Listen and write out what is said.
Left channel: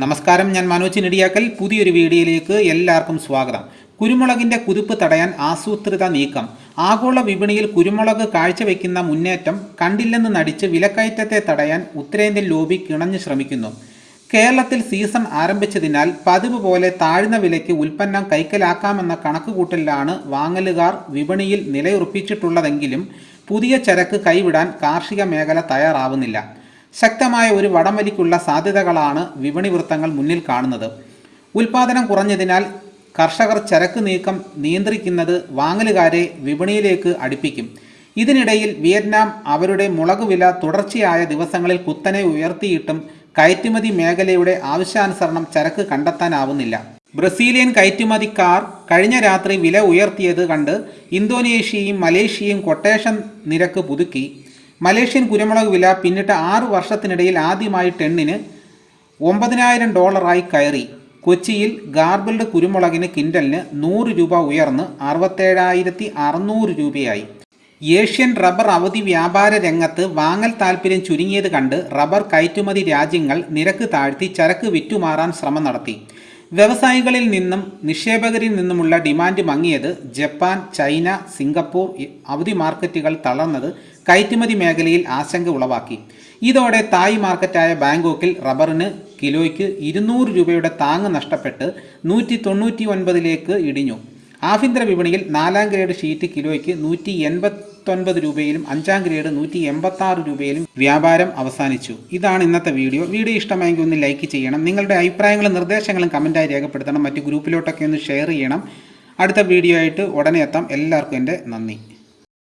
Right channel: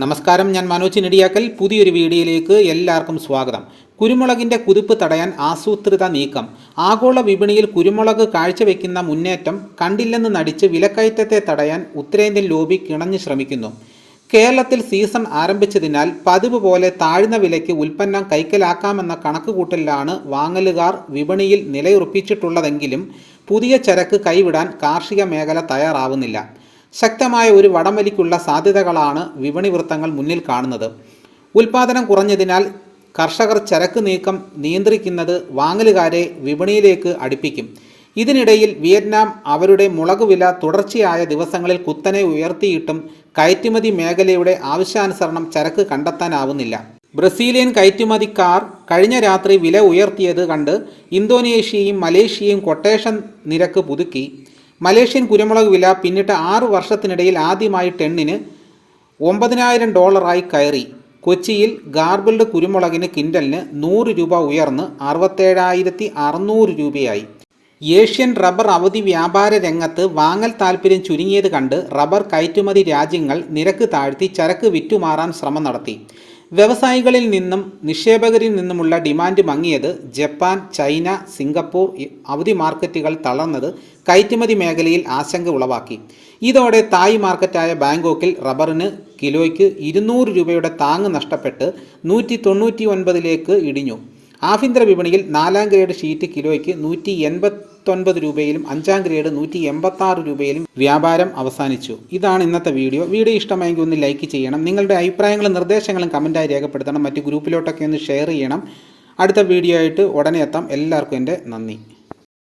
നമസ്കാരം ഞാൻ മനോജ് നെടിയാക്കൽ പുതിയൊരു വീഡിയോയിലേക്ക് എല്ലാവർക്കും സ്വാഗതം. കുരുമുളകിന്റെ കുതിപ്പ് തടയാൻ ആസൂത്രിത നീക്കം. ആഗോള വിപണിയിൽ കുരുമുളക് കാഴ്ചവെക്കുന്ന മുന്നേറ്റം കണ്ടില്ലെന്ന് നടിച്ച് വിലക്കയറ്റത്തെ തടയാൻ ഉത്തരേന്ത്യൻ ലോബി കിണഞ്ഞു ശ്രമിക്കുന്നു. കേരളത്തിൽ സീസൺ ആരംഭിച്ചതിനാൽ പതിവ് പോലെ താഴ്ന്ന വിലയ്ക്ക് ഉൽപ്പന്നം കൈക്കലാക്കാമെന്ന കണക്കുകൂട്ടലിലാണ് വാങ്ങലുകാർ വിപണിയിൽ നിലയുറപ്പിച്ചിട്ടുള്ളതെങ്കിലും പുതിയ ചരക്ക് കൈവിടാൻ കാർഷിക മേഖല തയ്യാറാവുന്നില്ല. ശക്തമായ ഒരു വടംവലിക്കുള്ള സാധ്യതകളാണ് വിപണി വൃത്തങ്ങൾ മുന്നിൽ കാണുന്നത്. ഉൽപാദനം കുറഞ്ഞതിനാൽ കർഷകർ ചരക്ക് നീക്കം നിയന്ത്രിക്കുന്നത് വാങ്ങലുകാരെ വിപണിയിലേക്ക് അടുപ്പിക്കും. ഇതിനിടയിൽ വിയറ്റ്നാം അവരുടെ മുളക് വില തുടർച്ചയായ ദിവസങ്ങളിൽ കുത്തനെ ഉയർത്തിയിട്ടും കയറ്റുമതി മേഖലയുടെ ആവശ്യാനുസരണം ചരക്ക് കണ്ടെത്താനാവുന്നില്ല. ബ്രസീലിയൻ കയറ്റുമതിക്കാർ കഴിഞ്ഞ രാത്രി വില ഉയർത്തിയത് കണ്ട് ഇന്തോനേഷ്യയും മലേഷ്യയും കൊട്ടേഷൻ നിരക്ക് പുതുക്കി. മലേഷ്യൻ കുരുമുളക് വില പിന്നിട്ട് ആറ് വർഷത്തിനിടയിൽ ആദ്യമായി ടെണ്ണിന് ഒമ്പതിനായിരം ഡോളറായി കയറി. കൊച്ചിയിൽ ഗാർബിൾഡ് കുരുമുളകിന് കിൻഡലിന് നൂറ് രൂപ ഉയർന്ന് അറുപത്തേഴായിരത്തി അറുന്നൂറ് രൂപയായി. ഏഷ്യൻ റബ്ബർ അവധി വ്യാപാര രംഗത്ത് വാങ്ങൽ താൽപ്പര്യം ചുരുങ്ങിയത് കണ്ട് റബ്ബർ കയറ്റുമതി രാജ്യങ്ങൾ നിരക്ക് താഴ്ത്തി ചരക്ക് വിറ്റുമാറാൻ ശ്രമം നടത്തി. വ്യവസായികളിൽ നിന്നും നിക്ഷേപകരിൽ നിന്നുമുള്ള ഡിമാൻഡ് മങ്ങിയത് ജപ്പാൻ ചൈന സിംഗപ്പൂർ അവധി മാർക്കറ്റുകൾ തളർന്നത് കയറ്റുമതി മേഖലയിൽ ആശങ്ക ഉളവാക്കി. ഇതോടെ തായ് മാർക്കറ്റായ ബാങ്കോക്കിൽ റബ്ബറിന് കിലോയ്ക്ക് ഇരുന്നൂറ് രൂപയുടെ താങ്ങ് നഷ്ടപ്പെട്ട് നൂറ്റി തൊണ്ണൂറ്റി ഒൻപതിലേക്ക് ഇടിഞ്ഞു. ആഭ്യന്തര വിപണിയിൽ നാലാം ഗ്രേഡ് ഷീറ്റ് കിലോയ്ക്ക് നൂറ്റി എൺപത്തൊൻപത് രൂപയിലും അഞ്ചാം ഗ്രേഡ് നൂറ്റി എൺപത്തി ആറ് രൂപയിലും വ്യാപാരം അവസാനിച്ചു. ഇതാണ് ഇന്നത്തെ വീഡിയോ. വീഡിയോ ഇഷ്ടമായെങ്കിൽ ഒന്ന് ലൈക്ക് ചെയ്യണം. നിങ്ങളുടെ അഭിപ്രായങ്ങളും നിർദ്ദേശങ്ങളും കമന്റായി രേഖപ്പെടുത്തണം. മറ്റ് ഗ്രൂപ്പിലോട്ടൊക്കെ ഒന്ന് ഷെയർ ചെയ്യണം. അടുത്ത വീഡിയോ ആയിട്ട് ഉടനെ എത്താം. എല്ലാവർക്കും എന്റെ നന്ദി.